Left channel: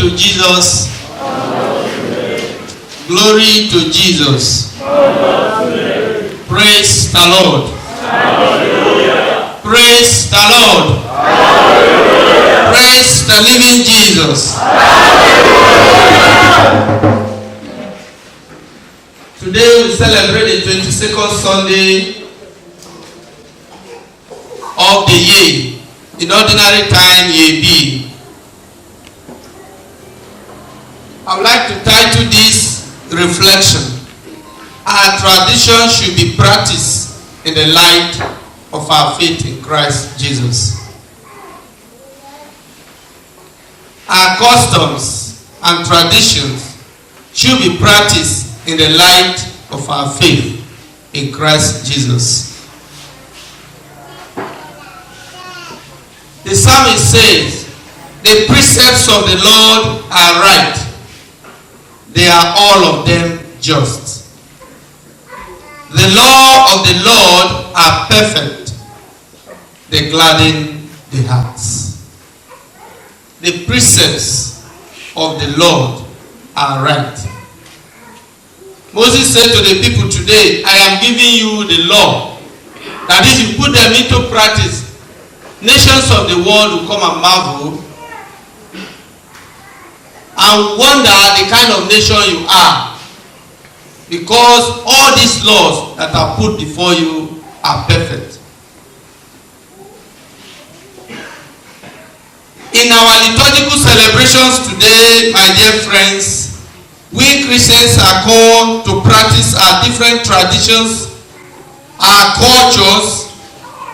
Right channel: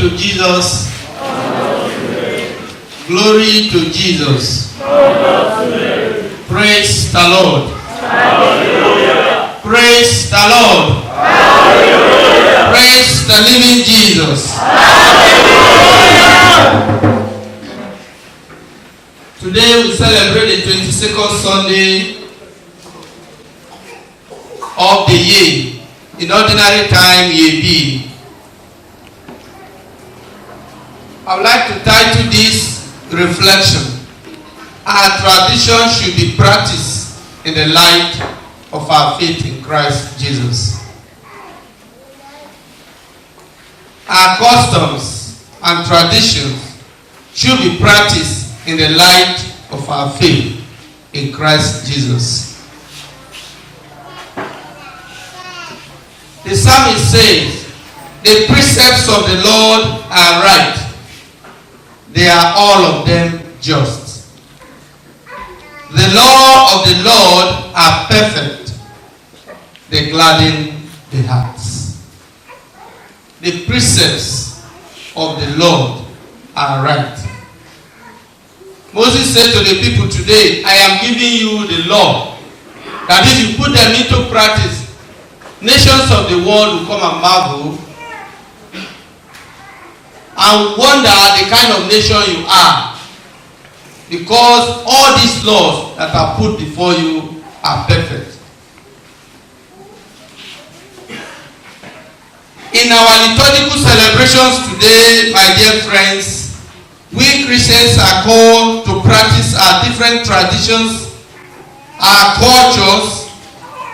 to Jesus. Glory to Jesus. Praise the Lord. Hallelujah. Praise the Lord. Hallelujah. Praise the living Jesus. Hallelujah. Today we celebrate the 22nd Sunday of the year. In ordinary time, year B. I would like to title this reflection. Our tradition should be practiced in the light of our faith in Christ Jesus. Our customs and traditions should be practiced in the light of our faith in Christ Jesus. The psalmist says, the precepts of the Lord are right. They are all of them just. The law of the Lord are perfect. They gladden the hearts. The precepts of the Lord are right. Moses said to the people today, I am giving you the law. That if you put them into practice, nations of the world will come and marvel and wonder the kind of nation you are, because all these laws that are put before you are perfect. In our liturgical celebrations today, my dear friends, we Christians are called to practice our different traditions, our cultures,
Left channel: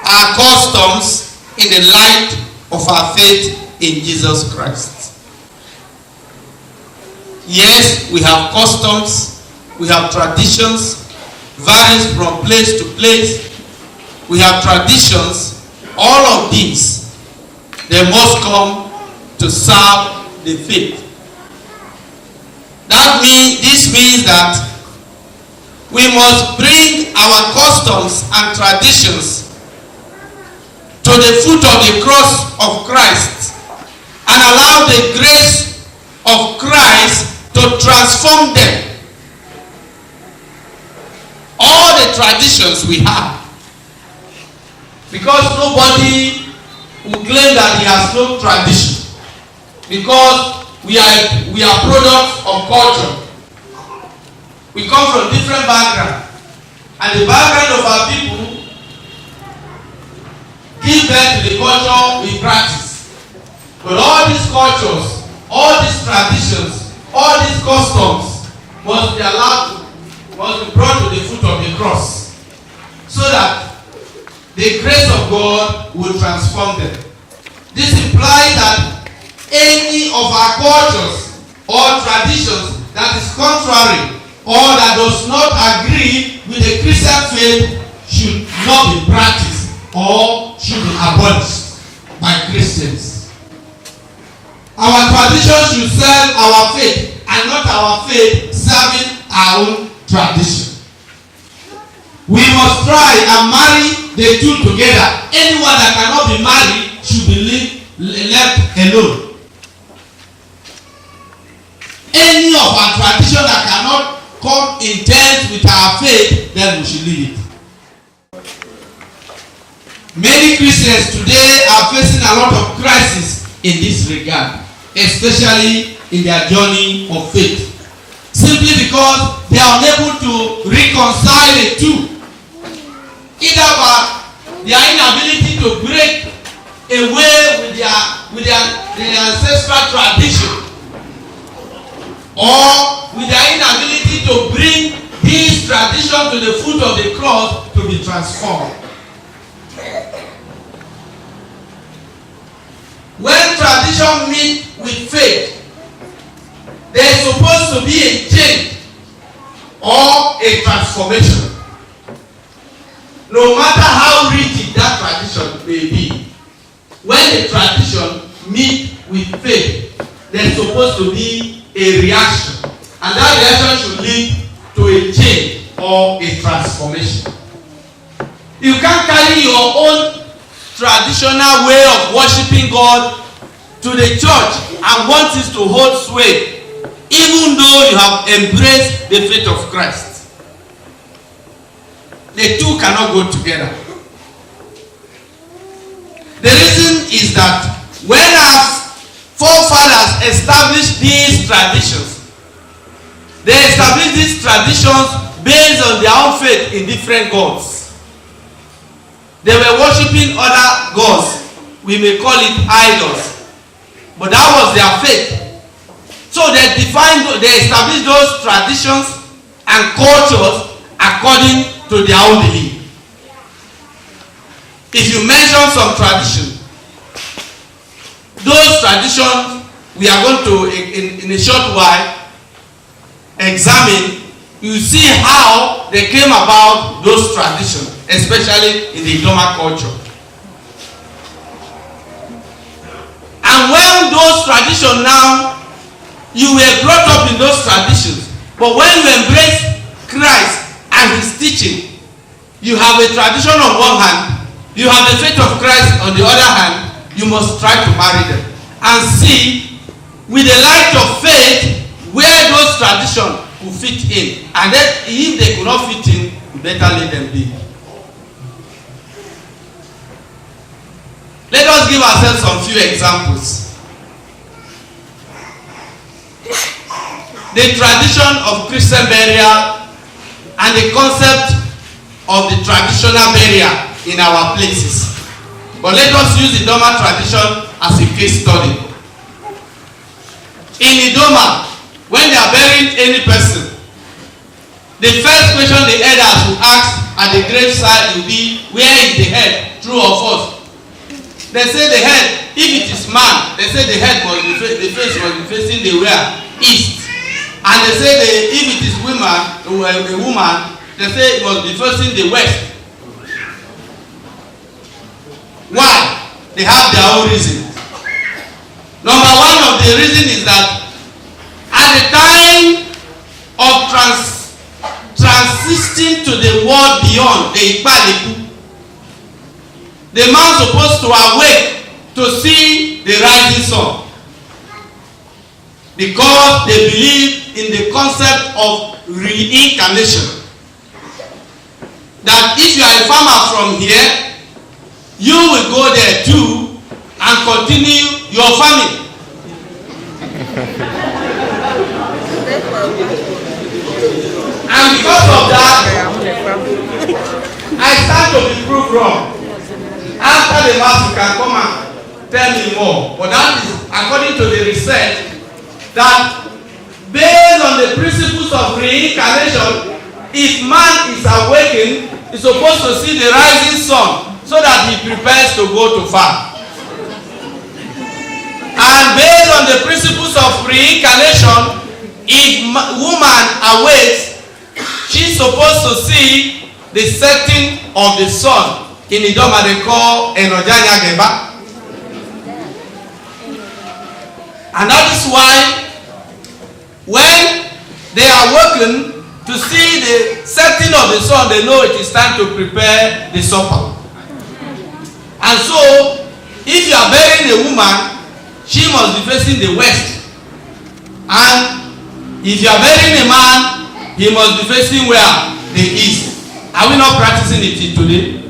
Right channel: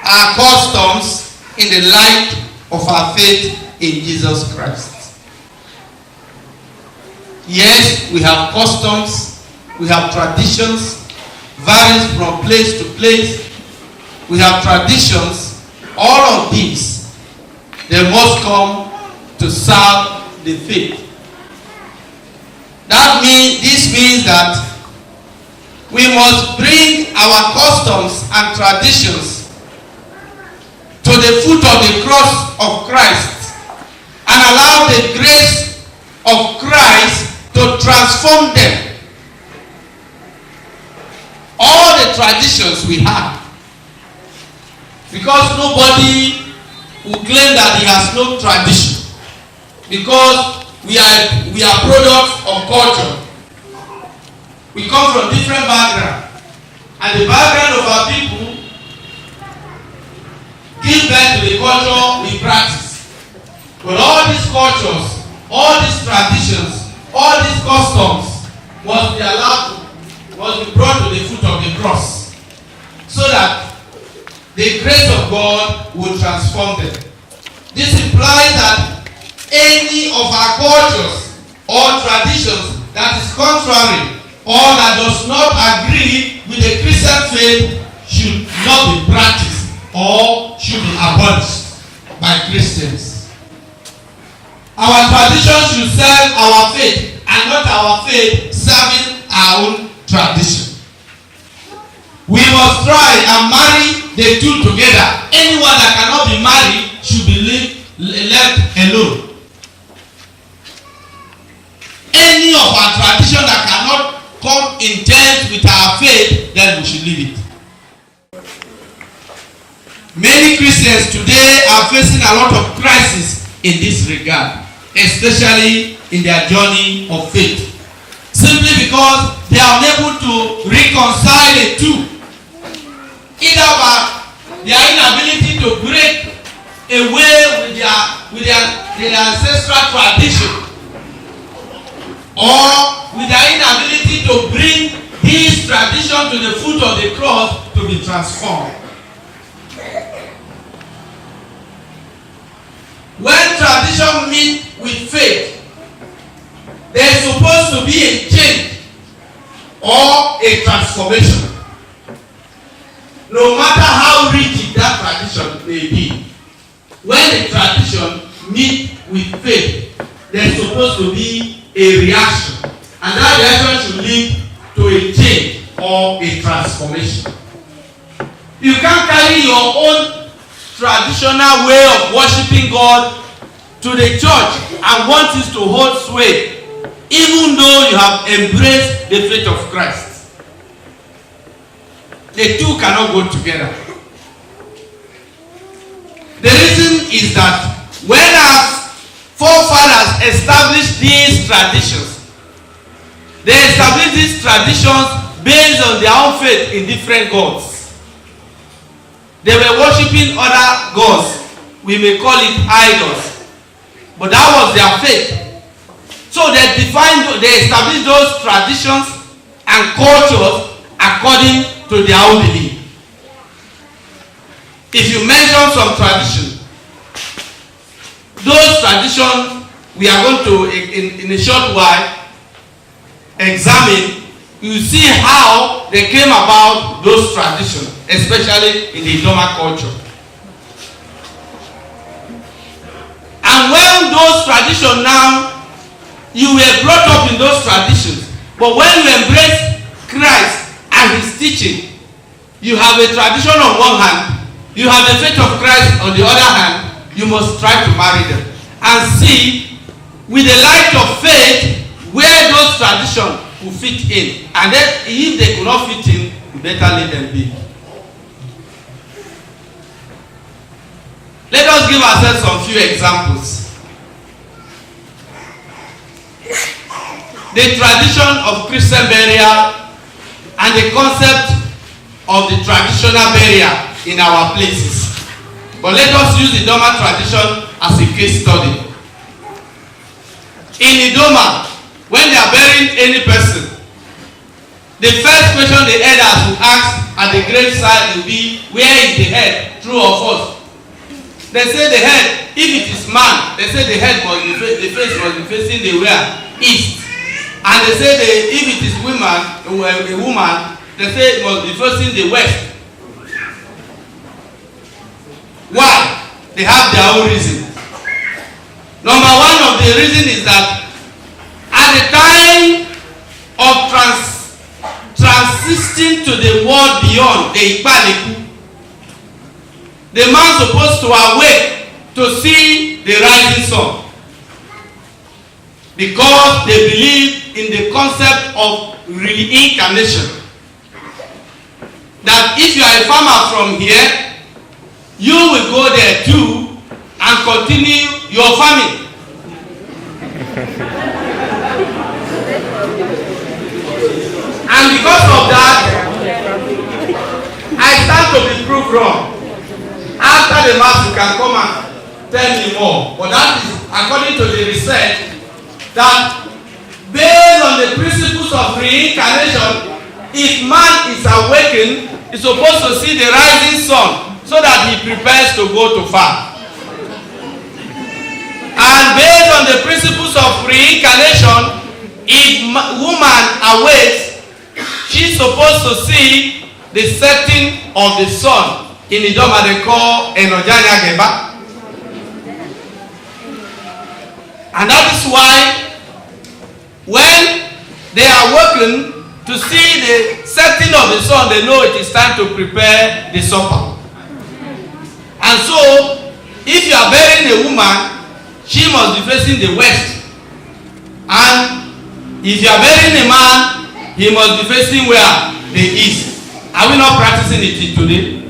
our customs in the light of our faith in Jesus Christ. Yes, we have customs, we have traditions, varies from place to place. We have traditions. All of these, they must come to serve the faith. This means that we must bring our customs and traditions to the foot of the cross of Christ and allow the grace of Christ to transform them. All the traditions we have, because nobody will claim that he has no tradition, because we are products of culture. We come from different backgrounds, and the background of our people give birth to the culture we practice. But all these cultures, all these traditions, all these customs must be brought to the foot of the cross, so that the grace of God will transform them. This implies that any of our cultures or traditions that is contrary or that does not agree with the Christian faith should not be practiced or should be abolished by Christians. Our tradition should serve our faith and not our faith serving our own tradition. We must try and marry the two together. Anyone that cannot be married should be left alone. Any of our tradition that cannot come in terms with our faith, then we should leave it. Many Christians today are facing a lot of crisis in this regard, especially in their journey of faith, simply because they are unable to reconcile the two, either by their inability to break away with their ancestral tradition, or with their inability to bring this tradition to the foot of the cross to be transformed. When tradition meets with faith, there is supposed to be a change or a transformation. No matter how rigid that tradition may be, when a tradition meets with faith, there is supposed to be a reaction, and that reaction should lead to a change or a transformation. You can't carry your own traditional way of worshiping God to the church and want it to hold sway, even though you have embraced the faith of Christ. The two cannot go together. The reason is that when our forefathers established these traditions, they established these traditions based on their own faith in different gods. They were worshiping other gods. We may call it idols. But that was their faith. So they established those traditions and cultures according to their own belief. If you mention some tradition, those traditions we are going to, in a short while, examine. You see how they came about those traditions, especially in the Idoma culture. And when those traditions now, you were brought up in those traditions, but when you embrace Christ and his teaching, you have a tradition on one hand, you have the faith of Christ on the other hand, you must try to marry them and see with the light of faith where those traditions will fit in. And then if they could not fit in, you better let them be. Let us give ourselves some few examples. The tradition of Christian burial and the concept of the traditional burial in our places. But let us use the Idoma tradition as a case study. In Idoma, when they are burying any person, the first question the elders will ask at the graveside will be, where is the head? True or false? They say the head, if it is man, they say the head must be, the face must be facing the where? East. And they say if it is a woman, they say it must be facing the west. Why? They have their own reason. Number one of the reason is that at the time of transiting to the world beyond, the Ikpaleku, the man supposed to awake to see the rising sun, because they believe in the concept of reincarnation. That if you are a farmer from here, you will go there too and continue your farming. And because of that, I start to be proved wrong. After the mass, you can come and tell me more. But that is according to the research that based on the principles of reincarnation, if man is awakened, he's supposed to see the rising sun so that he prepares to go to farm. And based on the principles of reincarnation, if woman awakes, she's supposed to see the setting of the sun. In Idoma they call Enojanya Geba. And that is why when they are working to see the setting of the sun, they know it is time to prepare the supper. And so, if you are burying a woman, she must be facing the west. And if you are burying a man, he must be facing where? The east. Are we not practicing it today?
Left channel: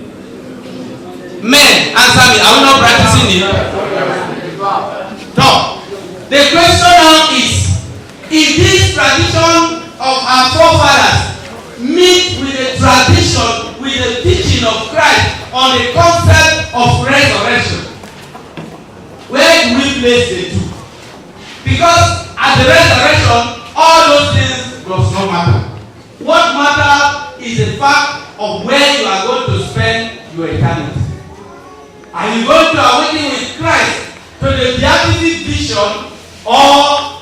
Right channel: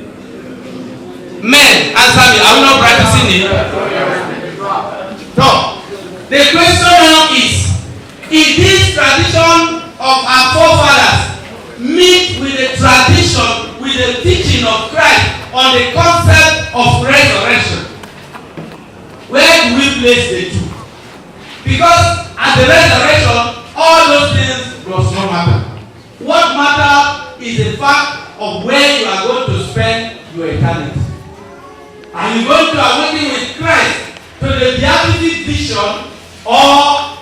Men, answer me. Are we not practicing it? So, the question now is this tradition of our forefathers meet with the tradition, with the teaching of Christ on the concept of resurrection? Where do we place the two? Because at the resurrection, all those things does not matter. What matters is the fact of where you are going to spend your eternity. Are you going to awaken with Christ to the beatific vision, or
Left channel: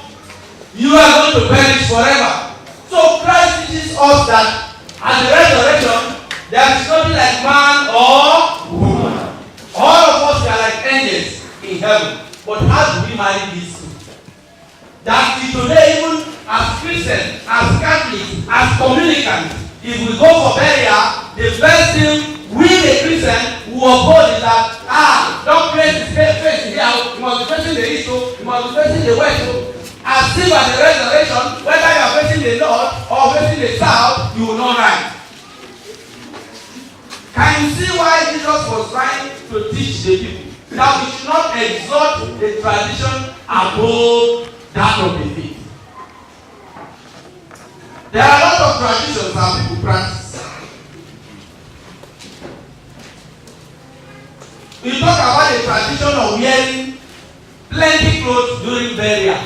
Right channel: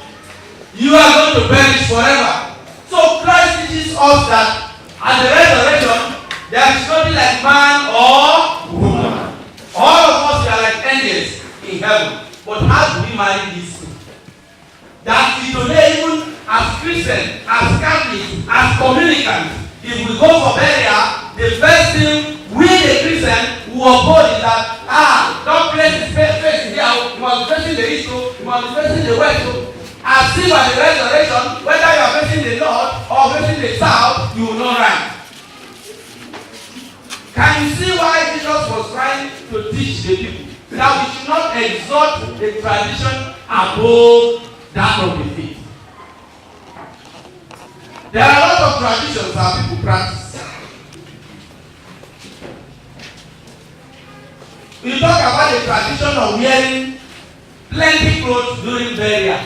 you are going to perish forever? So Christ teaches us that at the resurrection, there is nothing like man or woman. All of us are like angels in heaven. But how do we marry these two? That today, even as Christians, as Catholics, as communicants, if we go for burial, the first thing we the Christian who oppose is that, don't place his face here, you must be facing the east, you must be facing the west. And still at the resurrection, whether you are facing the north or facing the south, you will not rise. Can you see why Jesus was trying to teach the people that we should not exalt the tradition above that of the faith? There are a lot of traditions that people practice. We talk about the tradition of wearing plenty clothes during burial.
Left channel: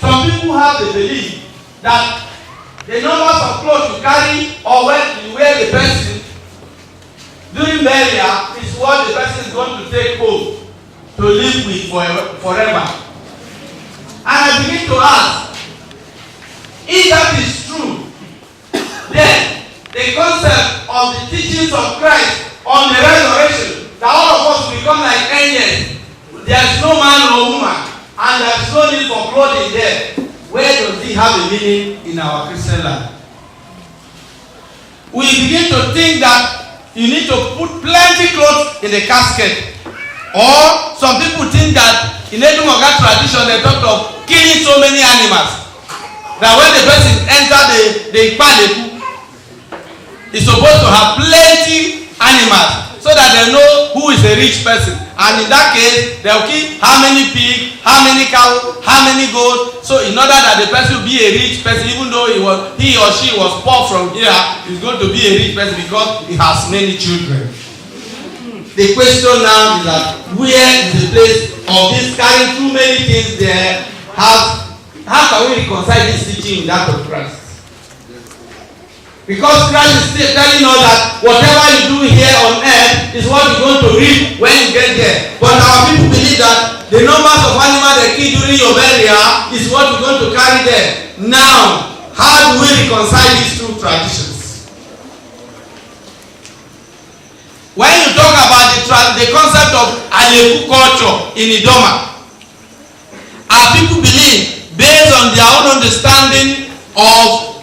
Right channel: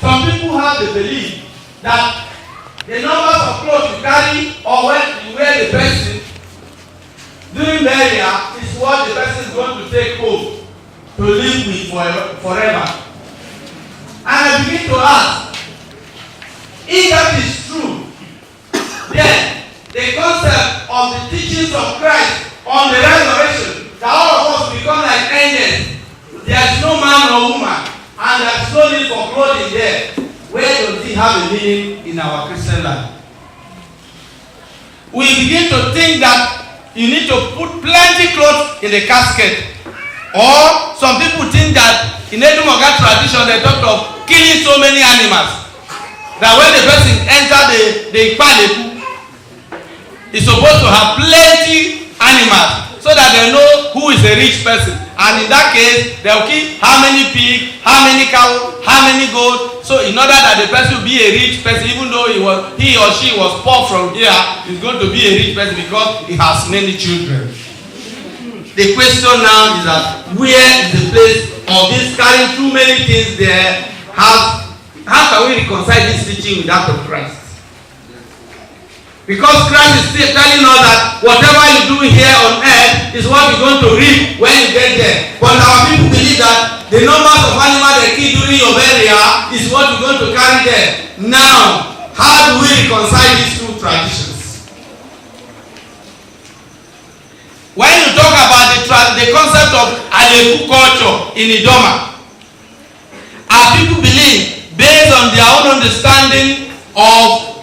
Some people have the belief that the numbers of clothes you carry or when you wear the person during burial is what the person is going to take home to live with forever. And I begin to ask, if that is true, then the concept of the teachings of Christ on the resurrection, that all of us become like angels, there is no man or woman, and there is no need for clothing there. Where does it have a meaning in our Christian life? We begin to think that you need to put plenty clothes in the casket. Or some people think that in Edumoga tradition they talk of killing so many animals that when the person enter the Ikpaleku, he's supposed to have plenty animals so that they know who is a rich person. And in that case, they will keep how many pigs, how many cows, how many goats. So in order that the person will be a rich person, even though he or she was poor from here, is going to be a rich person because he has many children. The question now is that where is the place of this carrying too many things there? How can we reconcile this teaching with that of Christ? Because Christ is still telling us that whatever you do here on earth is what you're going to reap when you get there. But our people believe that the numbers of animals they kill during your burial is what you're going to carry there. Now, how do we reconcile these two traditions? When you talk about the concept of Aleku culture in Idoma, our people believe, based on their own understanding of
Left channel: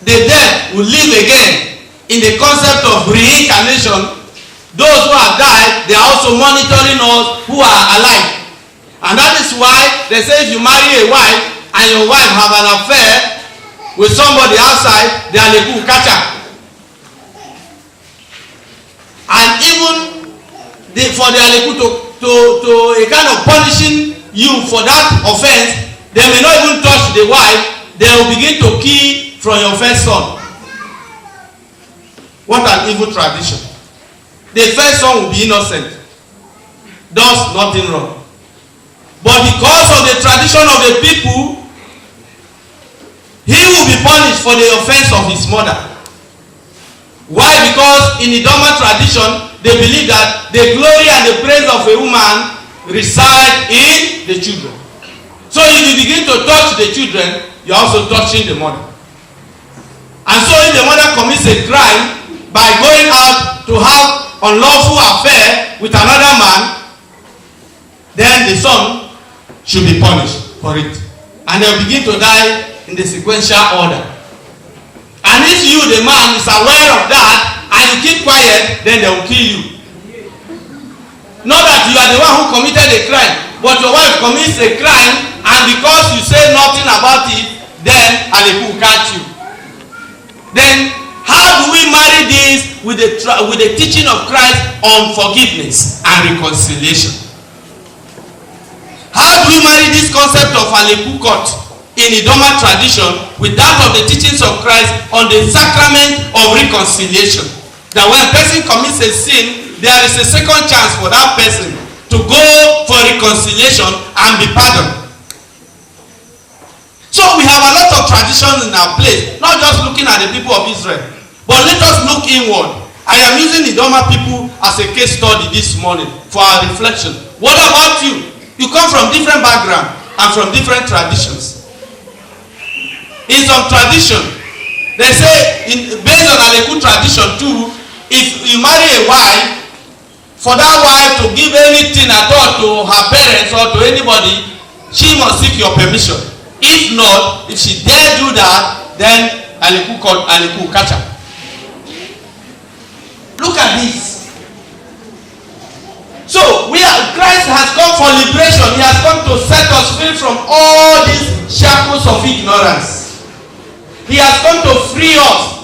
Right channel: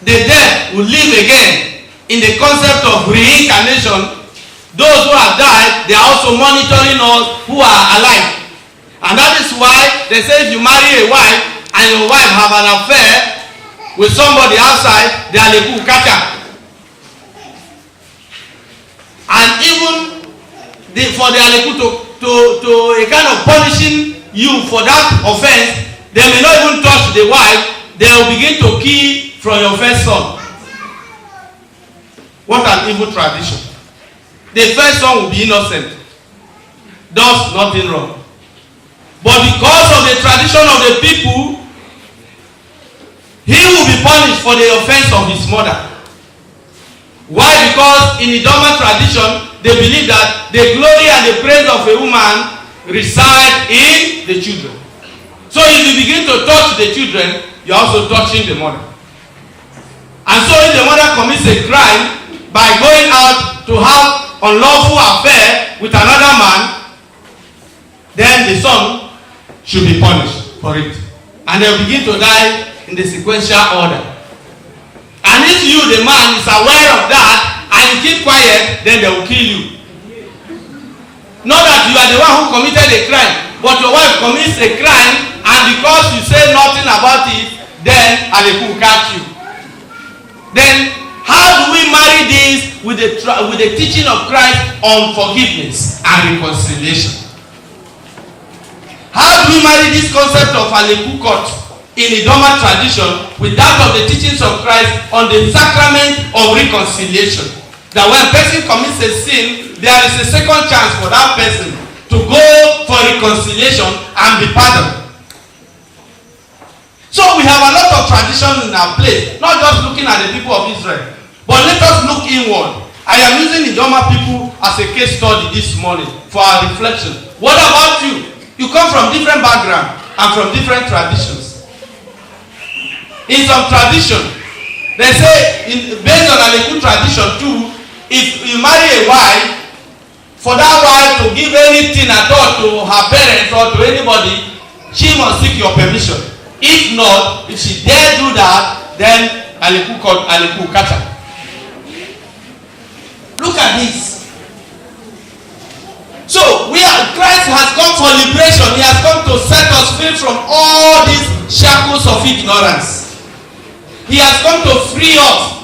the dead will live again, in the concept of reincarnation, those who have died, they are also monitoring us who are alive. And that is why they say if you marry a wife and your wife have an affair with somebody outside, they are Aleku catcher. And even for the Aleku to a kind of punishing you for that offense, they may not even touch the wife, they will begin to kill from your first son. What an evil tradition. The first son will be innocent, does nothing wrong. But because of the tradition of the people, he will be punished for the offense of his mother. Why? Because in the Idoma tradition, they believe that the glory and the praise of a woman reside in the children. So if you begin to touch the children, you are also touching the mother. And so if the mother commits a crime by going out to have unlawful affair with another man, then the son should be punished for it. And they will begin to die in the sequential order. And if you, the man, is aware of that and you keep quiet, then they will kill you. Not that you are the one who committed a crime, but your wife commits a crime, and because you say nothing about it, then Aleku will catch you. Then how do we marry this with the teaching of Christ on forgiveness and reconciliation? How do we marry this concept of Aleku court in Idoma tradition with that of the teachings of Christ on the sacrament of reconciliation? That when a person commits a sin, there is a second chance for that person to go for reconciliation and be pardoned. So we have a lot of traditions in our place, not just looking at the people of Israel, but let us look inward. I am using Idoma people as a case study this morning for our reflection. What about you? You come from different backgrounds and from different traditions. In some tradition, they say, based on Aleku tradition too, if you marry a wife, for that wife to give anything at all to her parents or to anybody, she must seek your permission. If not, if she dare do that, then Aleku catch her. Look at this. So Christ has come for liberation. He has come to set us free from all these shackles of ignorance. He has come to free us.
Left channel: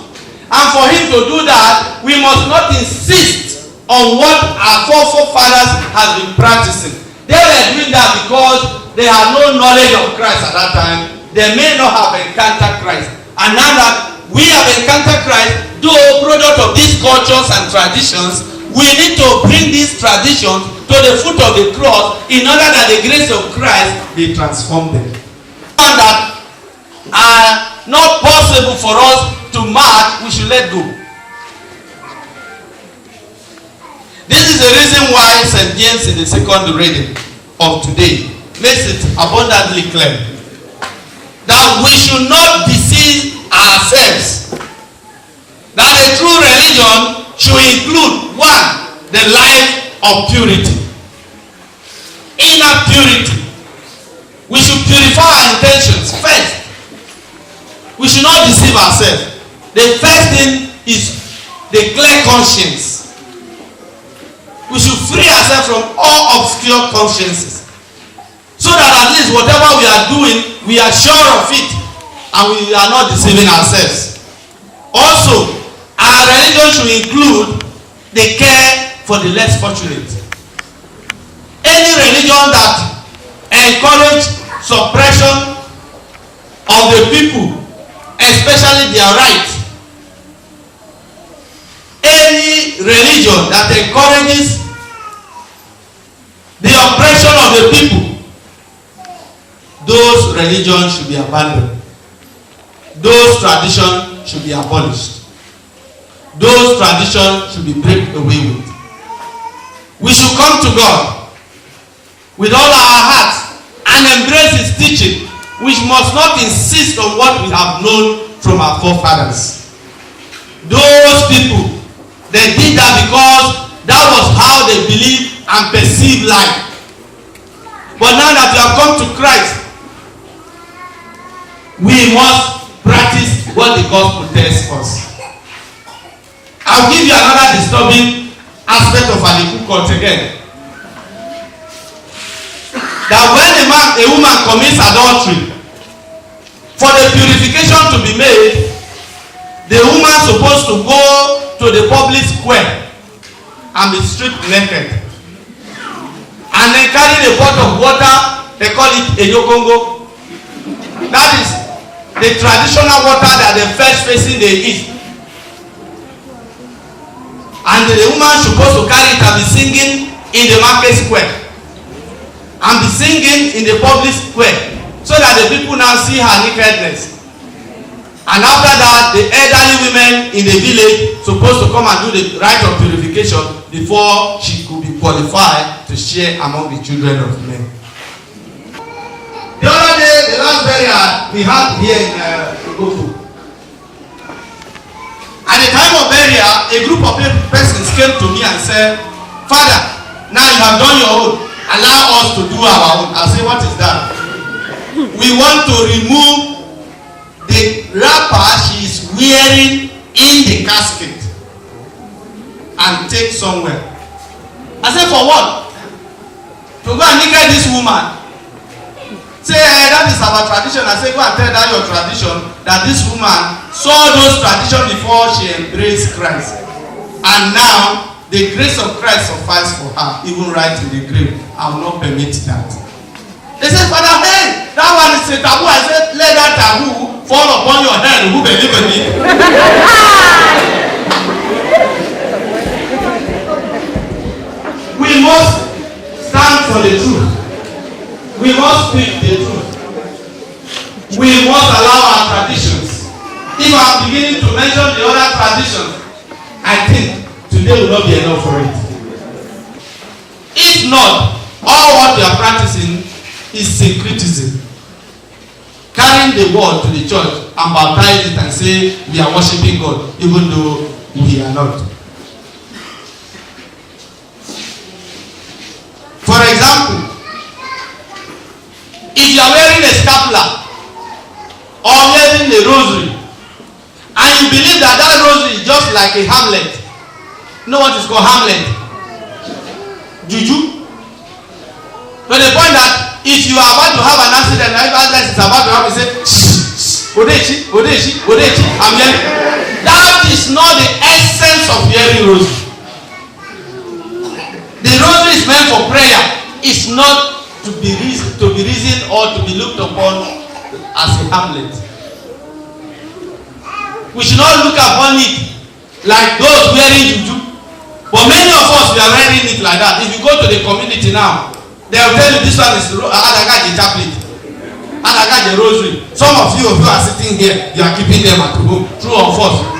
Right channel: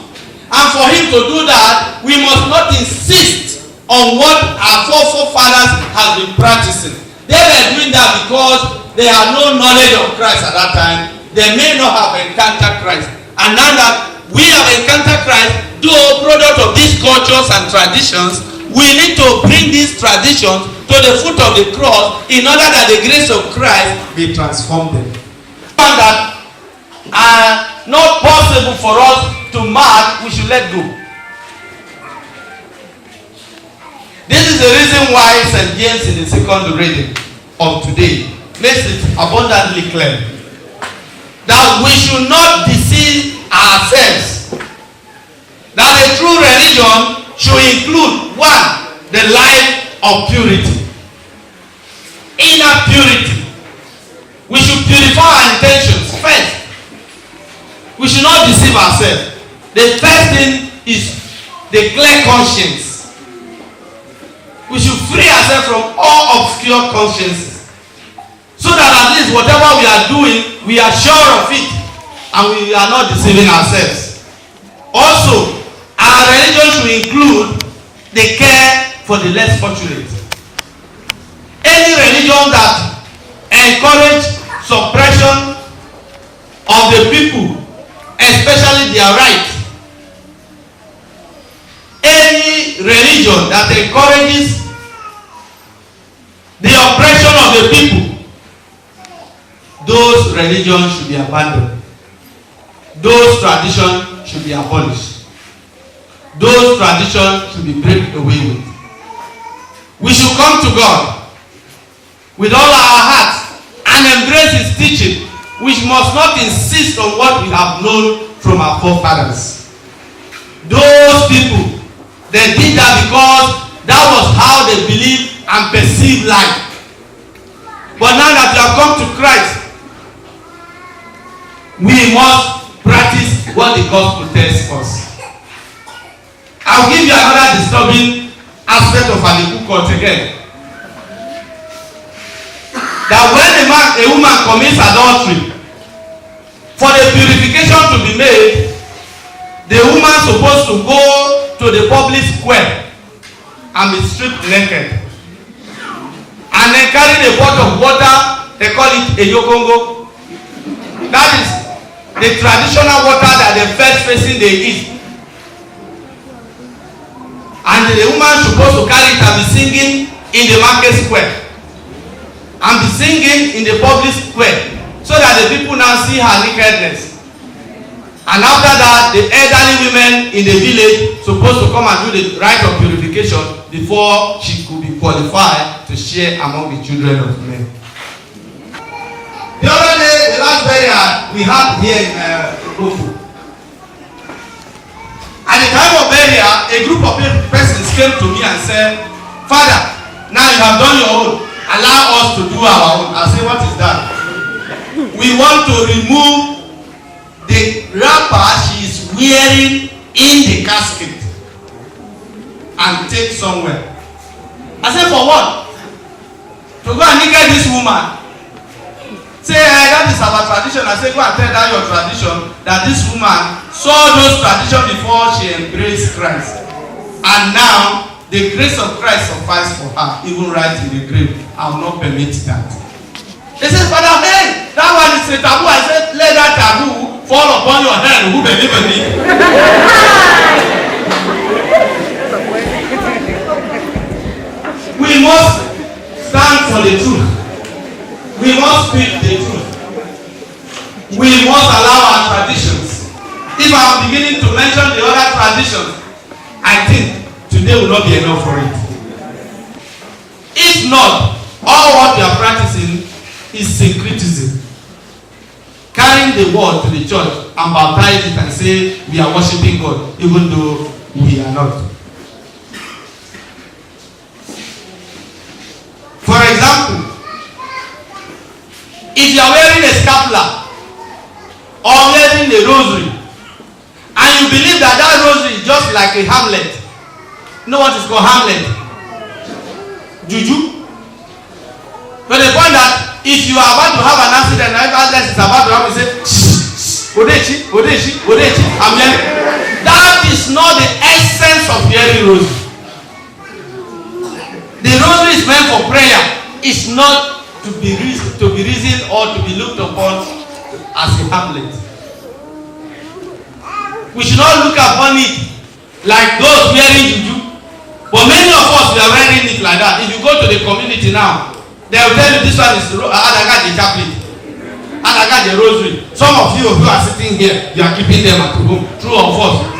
And for him to do that, we must not insist on what our forefathers have been practicing. They were doing that because they had no knowledge of Christ at that time. They may not have encountered Christ. And now that we have encountered Christ, though product of these cultures and traditions, we need to bring these traditions to the foot of the cross in order that the grace of Christ may transform them. And that are not possible for us to mark, we should let go. This is the reason why St. James in the second reading of today makes it abundantly clear that we should not deceive ourselves. That a true religion should include, one, the life of purity, inner purity. We should purify our intentions first. We should not deceive ourselves. The first thing is the clear conscience. We should free ourselves from all obscure consciences, so that at least whatever we are doing, we are sure of it and we are not deceiving ourselves. Also, our religion should include the care for the less fortunate. Any religion that encourages suppression of the people, especially their rights, any religion that encourages the oppression of the people, those religions should be abandoned. Those traditions should be abolished. Those traditions should be break away with. We should come to God with all our hearts and embrace His teaching, which must not insist on what we have known from our forefathers. Those people, they did that because that was how they believed and perceived life. But now that we have come to Christ, we must practice what the gospel tells us. I'll give you another disturbing aspect of Alikukot again. That when a woman commits adultery, for the purification to be made, the woman is supposed to go to the public square and be stripped naked, and then carry a pot of water. They call it a yogongo. That is the traditional water that they fetch facing the east, and the woman is supposed to carry it and be singing in the market square and be singing in the public square, so that the people now see her nakedness. And after that, the elderly women in the village supposed to come and do the rite of purification before she could be qualified to share among the children of men. The other day, the last burial we had here in Ofu. At the time of burial, a group of persons came to me and said, "Father, now you have done your own. Allow us to do our own." I say, "What is that?" "We want to remove the wrapper she is wearing in the casket and take somewhere." I said, "For what?" "To go and naked this woman." Say, "That is our tradition." I say, "Go and tell that your tradition, that this woman saw those traditions before she embraced Christ, and now the grace of Christ suffices for her, even right in the grave. I will not permit that." They said, "Father, hey, that one is a taboo." I said, "Let that taboo fall upon your head, who believe in me." We must stand for the truth. We must speak the truth. We must allow our traditions. If I'm beginning to mention the other traditions, I think today will not be enough for it. If not, all what we are practicing is syncretism. Carrying the word to the church and baptize it and say we are worshiping God, even though we are not. For example, if you are wearing a scapular or wearing a rosary, and you believe that that rosary is just like a hamlet. You know what is called hamlet? juju. To the point that if you are about to have an accident and everybody is about to have, you say, Odechi, Odechi, Odechi, I'm hearing. That is not the essence of hearing rosary. The rosary is meant for prayer. It's not to be reasoned or to be looked upon as a hamlet. We should not look upon it like those wearing juju. But many of us, we are wearing it like that. If you go to the community now, they will tell you this one is Adagaji chaplet, Adagaji rosary. Some of you who are sitting here, you are keeping them at home. True or false?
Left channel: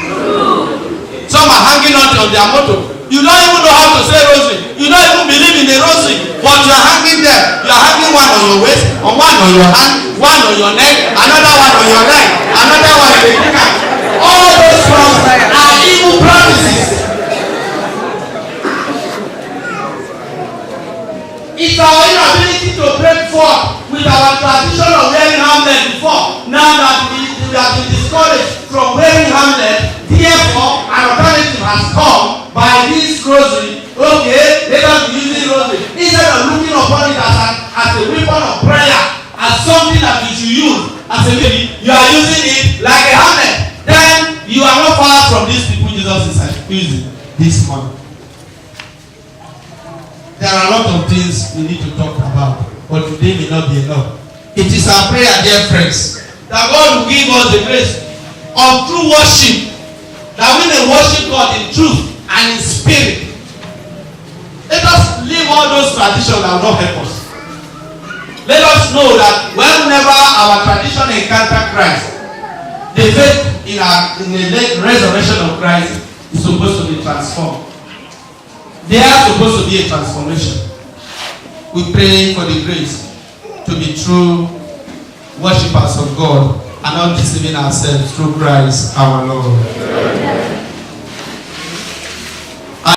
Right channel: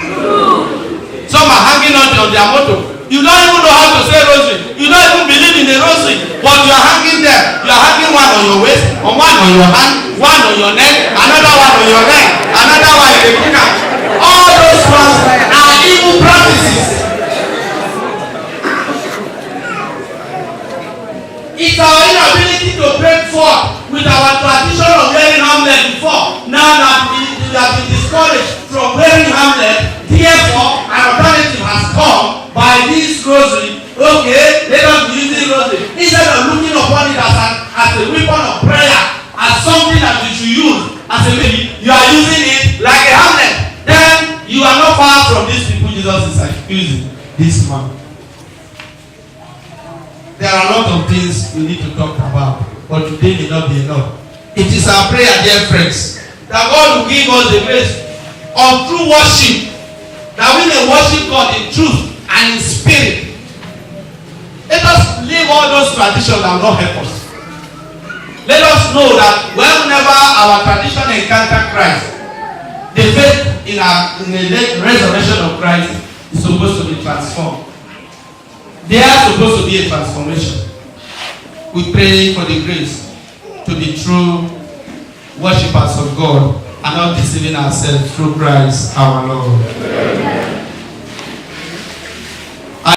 Some are hanging on their motto. You don't even know how to say rosary. You don't even believe in the rosary, but you are hanging there. You are hanging one on your waist, one on your hand, one on your neck, another one on your neck, another one on your neck. All those ones are evil practices. It's our inability to break forth with our tradition of wearing hamlet before. Now that we have been discouraged from wearing hamlet, therefore an alternative has come by this rosary. Okay, let us be using rosary. Instead of looking upon it as a weapon of prayer, as something that you should use, as a baby, you are using it like a hamlet. Then you are not far from these people Jesus is accusing this month. There are a lot of things we need to talk about, but today may not be enough. It is our prayer, dear friends, that God will give us the grace of true worship, that we may worship God in truth and in spirit. Let us leave all those traditions that will not help us. Let us know that whenever our tradition encounter Christ, the faith in the resurrection of Christ is supposed to be transformed. There are supposed to be a transformation. We pray for the grace to be true worshippers of God and not deceiving ourselves through Christ our Lord.